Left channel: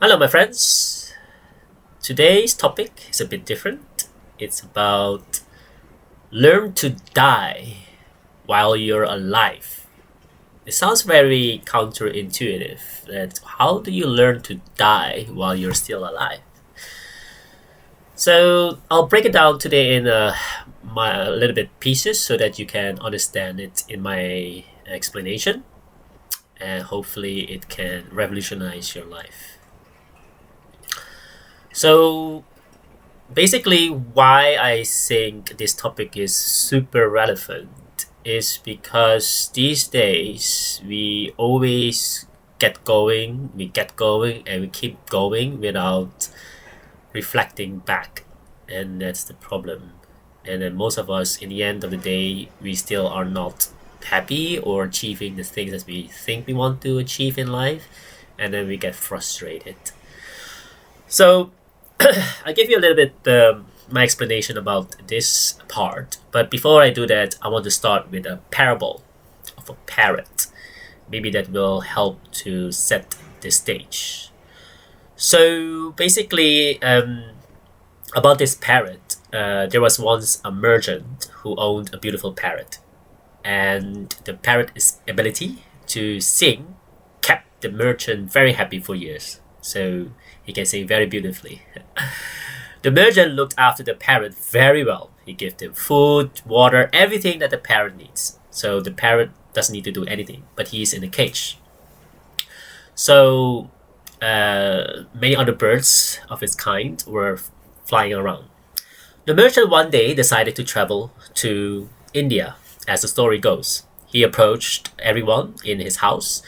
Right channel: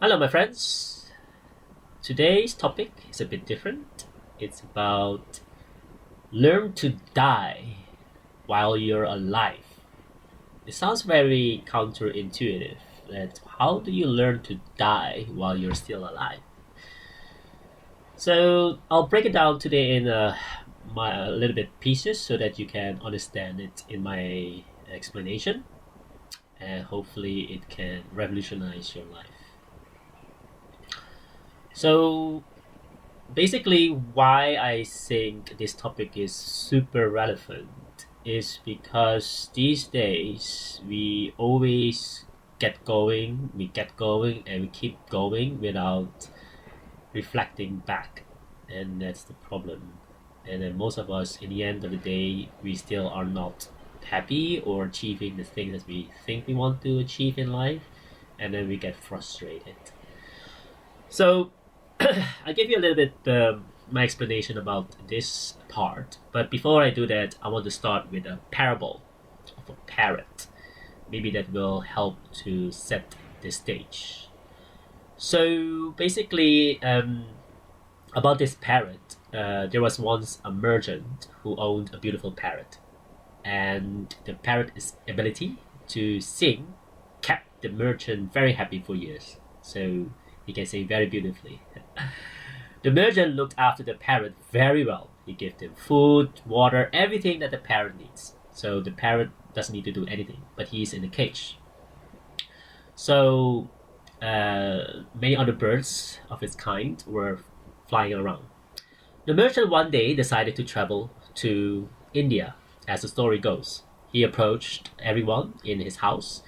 Hello, my friends. Today's topic is a bit different. It's about learn to die while you're alive. It sounds very counterintuitive. That how do you learn to die while you're still alive? So I'll break it down today in a little bit pieces so that you can understand it in my explanation, and hopefully it can revolutionize your life. So basically, why I think this topic is super relevant is because these days we get going, and we keep going without reflecting back, and that's the problem. And then most of us, in the end of the day, we still are not happy or achieving the things that we think we want to achieve in life, and then we get frustrated. So I give you a little bit my explanation about this part, but before I do that, I want to start with a parable of a parrot. Maybe that will help to set the stage. So basically, about this parrot, there was once a merchant who owned a beautiful parrot, and the parrot's ability to sing kept the merchant very happy for years. So he can sing very beautifully. The merchant looked after the parrot very well. He gave them food, water, everything that the parrot needs. So the parrot doesn't need to do anything, but he's in a cage. So many other birds of its kind were flying around. The merchant one day decided to travel to India, as the story goes. He approached everyone in his house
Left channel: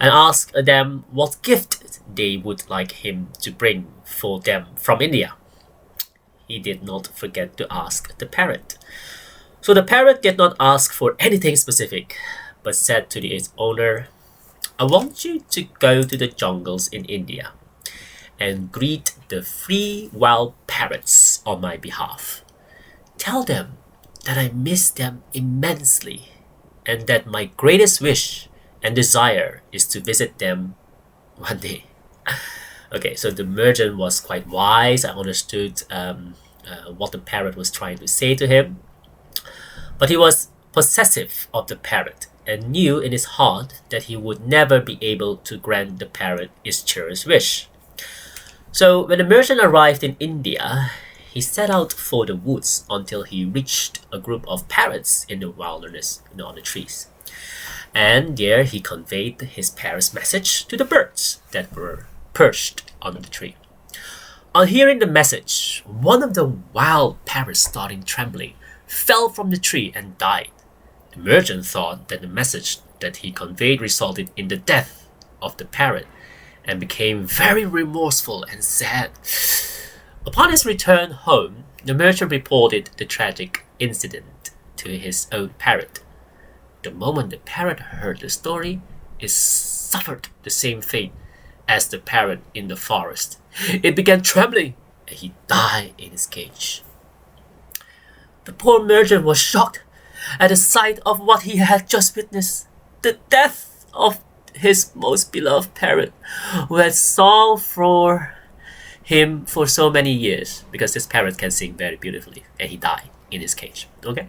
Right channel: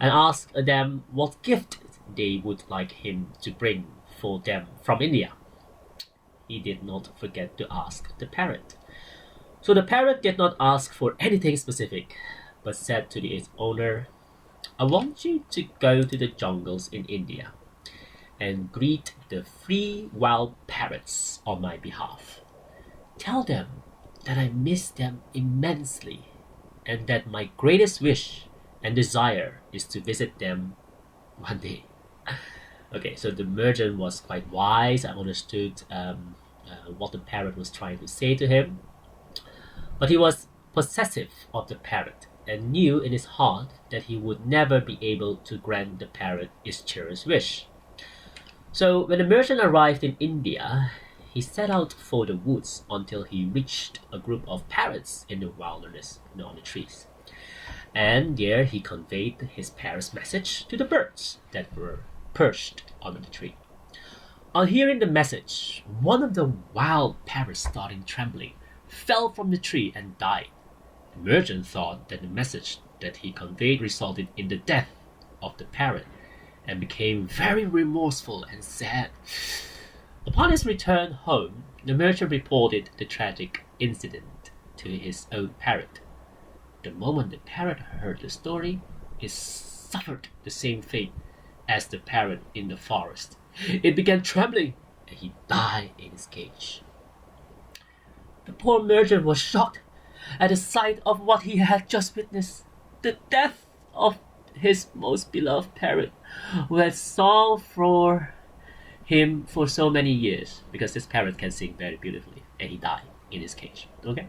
and asked them what gift they would like him to bring for them from India. He did not forget to ask the parrot. So the parrot did not ask for anything specific, but said to its owner, I want you to go to the jungles in India and greet the free wild parrots on my behalf. Tell them that I miss them immensely and that my greatest wish and desire is to visit them one day. Okay, so the merchant was quite wise. I understood what the parrot was trying to say to him. But he was possessive of the parrot and knew in his heart that he would never be able to grant the parrot its cherished wish. So when the merchant arrived in India, he set out for the woods until he reached a group of parrots in the wilderness, on the trees. And there he conveyed his parrot's message to the birds that were perched on the tree. On hearing the message, one of the wild parrots started trembling, fell from the tree and died. The merchant thought that the message that he conveyed resulted in the death of the parrot and became very remorseful and sad. Upon his return home, the merchant reported the tragic incident to his own parrot. The moment the parrot heard the story, it suffered the same fate as the parrot in the forest. It began trembling, and he died in his cage. The poor merchant was shocked at the sight of what he had just witnessed, the death of his most beloved parrot, who had sung for him for so many years, because this parrot can sing very beautifully, and he died in his cage. Okay,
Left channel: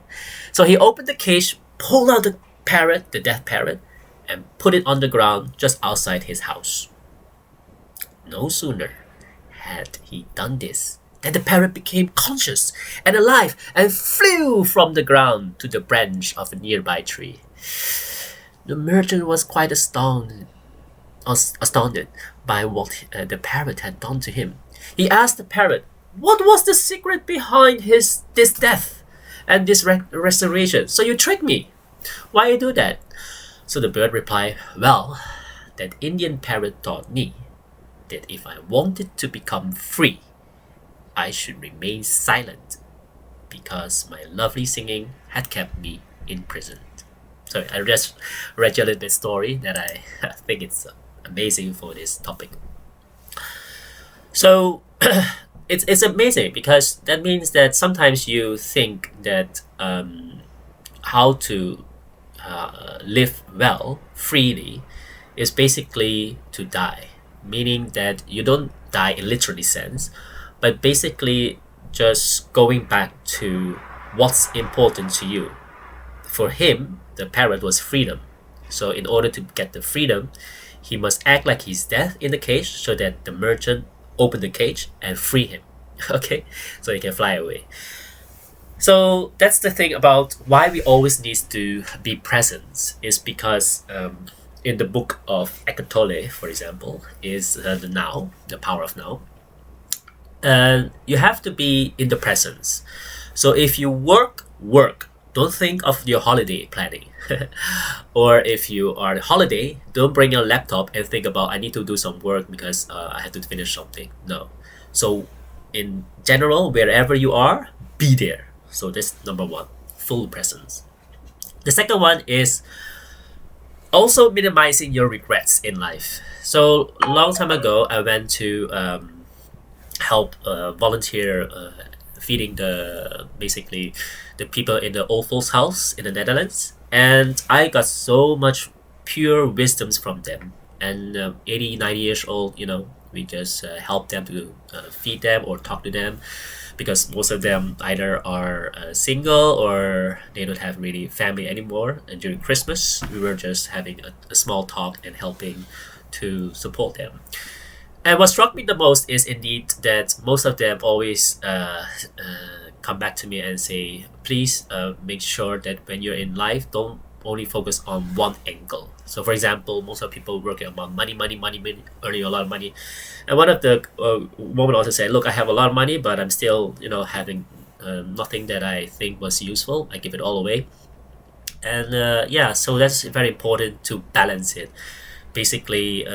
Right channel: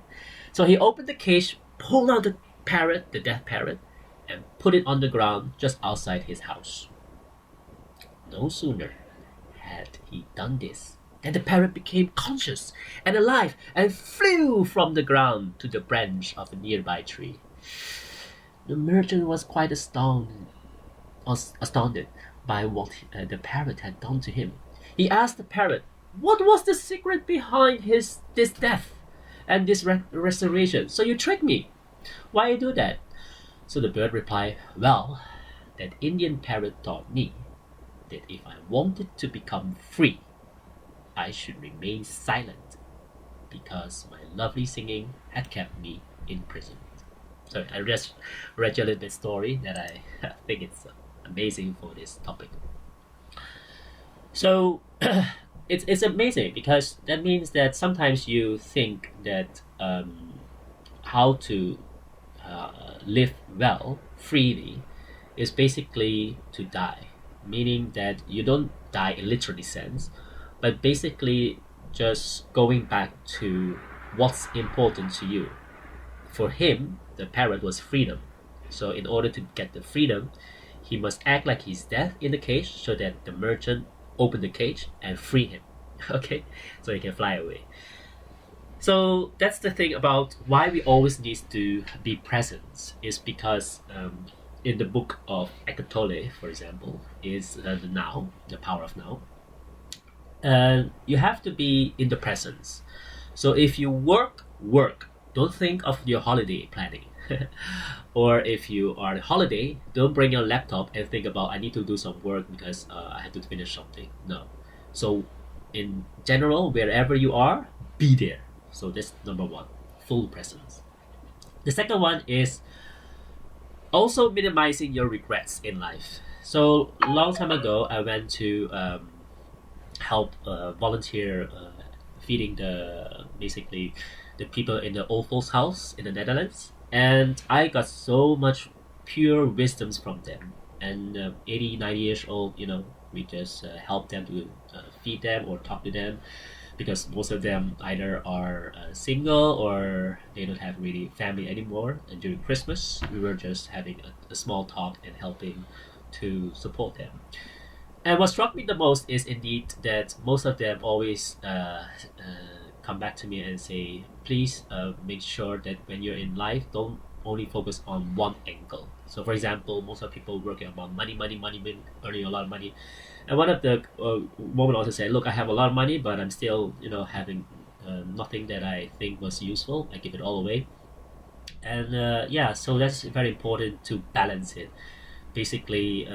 so he opened the cage, pulled out the parrot, the dead parrot, and put it on the ground just outside his house. No sooner had he done this than the parrot became conscious and alive and flew from the ground to the branch of a nearby tree. The merchant was quite astounded by what the parrot had done to him. He asked the parrot, what was the secret behind this death and this restoration? So you tricked me. Why you do that? So the bird replied, well, that Indian parrot taught me that if I wanted to become free, I should remain silent because my lovely singing had kept me imprisoned. So I just read you a little bit story that I think it's amazing for this topic. So it's amazing because that means that sometimes you think that how to live well freely is basically to die. meaning that you don't die in literally sense, but basically just going back to what's important to you. For him, the parrot was freedom. So in order to get the freedom, he must act like he's dead in the cage so that the merchant open the cage and free him. Okay, so he can fly away. So that's the thing about why we always need to be present is because in the book of Eckhart Tolle, for example, is the now, the power of now. You have to be in the presence. So if you work, don't think of your holiday planning. Or if you are on holiday, don't bring your laptop and think about I need to do some work because I have to finish something. No. So in general, wherever you are, be there. So that's number one, full presence. The second one is also minimizing your regrets in life. So a long time ago, I went to help volunteer feeding the basically the people in the old folks house in the Netherlands, and I got so much pure wisdoms from them. And 80 90 years old, we just help them to feed them or talk to them, because most of them either are single or they don't have really family anymore. And during Christmas, we were just having a small talk and helping to support them. And what struck me the most is indeed that most of them always come back to me and say, please make sure that when you're in life, don't only focus on one angle. So, for example, most of people working about money, earning a lot of money. And one of the women also said, look, I have a lot of money, but I'm still, having nothing that I think was useful. I give it all away. And yeah, so that's very important to balance it. Basically,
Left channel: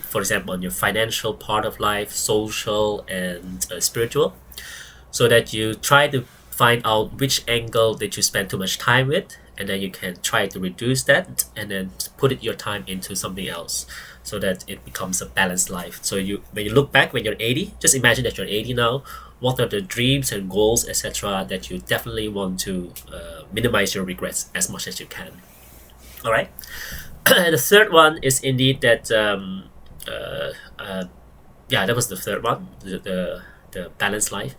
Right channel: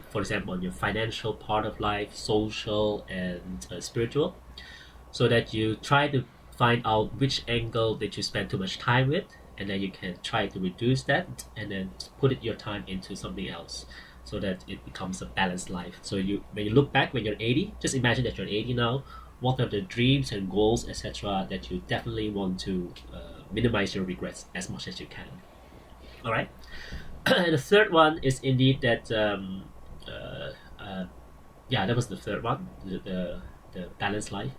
for example, on your financial part of life, social and spiritual, so that you try to find out which angle that you spend too much time with, and then you can try to reduce that and then put it your time into something else, so that it becomes a balanced life. So when you look back when you're 80, just imagine that you're 80 now. What are the dreams and goals, etc., that you definitely want to minimize your regrets as much as you can. All right. And the third one is indeed that yeah, that was the third one, the balanced life.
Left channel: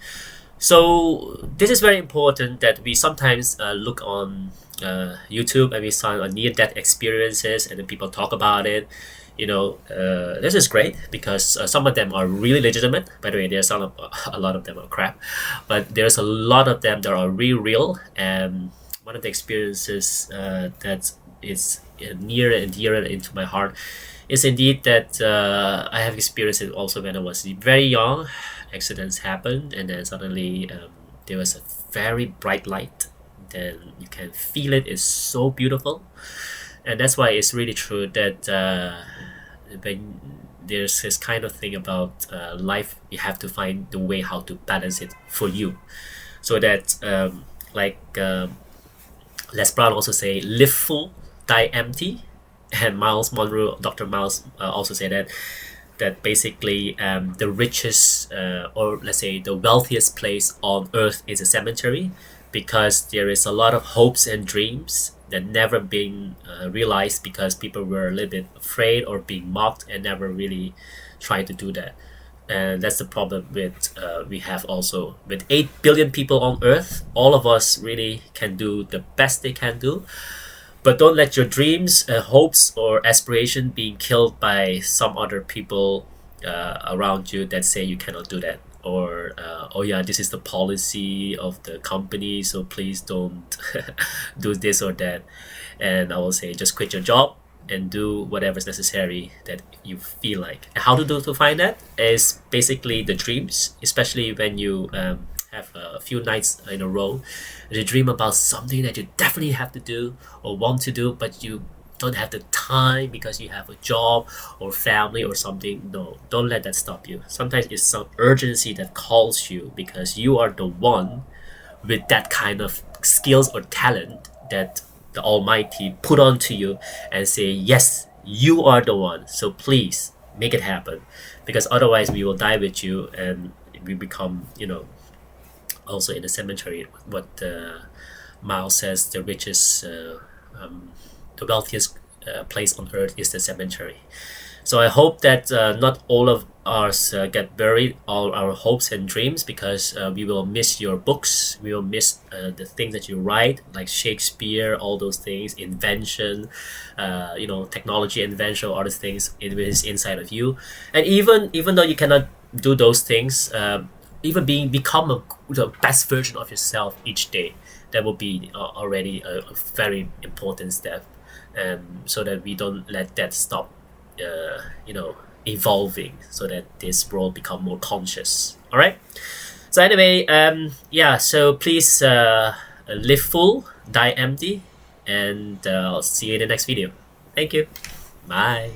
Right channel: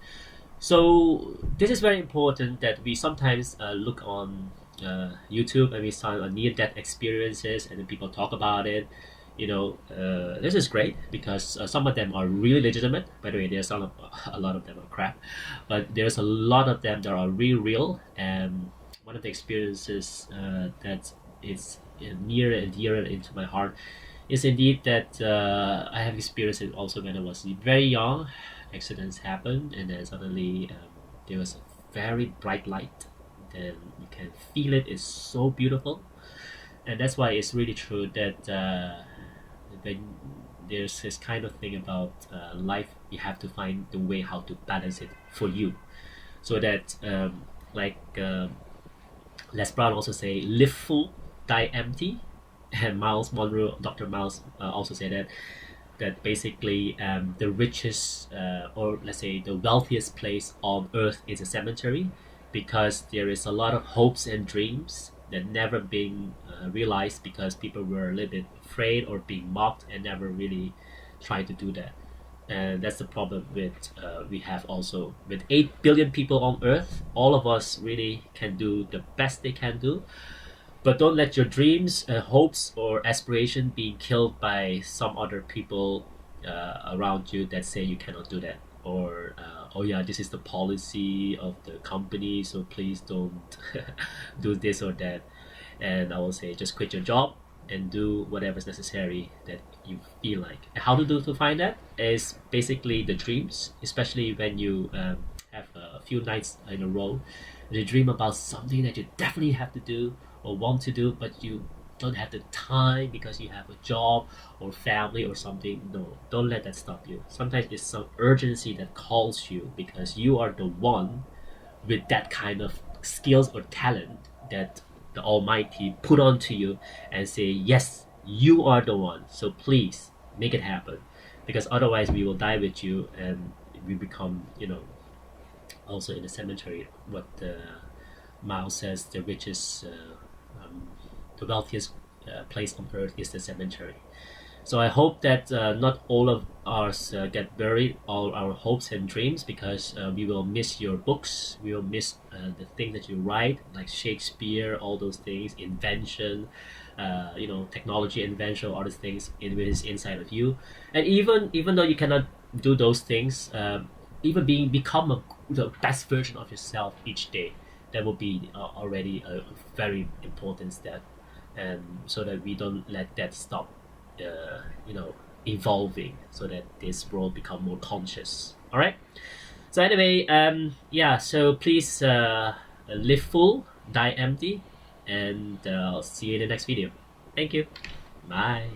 So this is very important that we sometimes look on YouTube and we saw on near-death experiences and then people talk about it. This is great because some of them are really legitimate. By the way, there's a lot of them are crap, but there's a lot of them that are really real. And one of the experiences that is near and dear into my heart is indeed that I have experienced it also when I was very young. Accidents happened, and then suddenly there was a very bright light. Then you can feel it. It's so beautiful, and that's why it's really true that when there's this kind of thing about life, you have to find the way how to balance it for you, so that like Les Brown also say, live full, die empty. And Miles Monroe, Dr. Miles also said that basically the richest or let's say the wealthiest place on earth is a cemetery, because there is a lot of hopes and dreams that never been realized because people were a little bit afraid or being mocked and never really tried to do that. And that's the problem with we have also with 8 billion people on earth. All of us really can do the best they can do, but don't let your dreams, hopes, or aspiration being killed by some other people around you that say you cannot do that. Or, oh yeah, this is the policy of the company, so please don't do this or that. And I will say, just quit your job and do whatever is necessary that you feel like. And how to find that is basically the dreams, especially when you have a few nights in a row. You dream about something that you definitely have to do or want to do, but you don't have the time because you have a job or family or something. No, don't let that stop you. Sometimes it's some urgency that calls you because you are the one with that kind of skills or talent that the Almighty put onto you and say, yes, you are the one. So please make it happen, because otherwise we will die with you and we become, also in the cemetery. What Miles says, the richest, the wealthiest place on earth is the cemetery. So I hope that not all of us get buried all our hopes and dreams, because we will miss your books. We will miss the things that you write, like Shakespeare, all those things, invention, technology invention, all those things. It is inside of you, and even though you cannot do those things, even become the best version of yourself each day. That will be already a very important step, so that we don't let that stop uh, you know evolving, so that this world become more conscious. All right, so anyway, yeah, so please live full, die empty, and I'll see you in the next video. Thank you. Bye.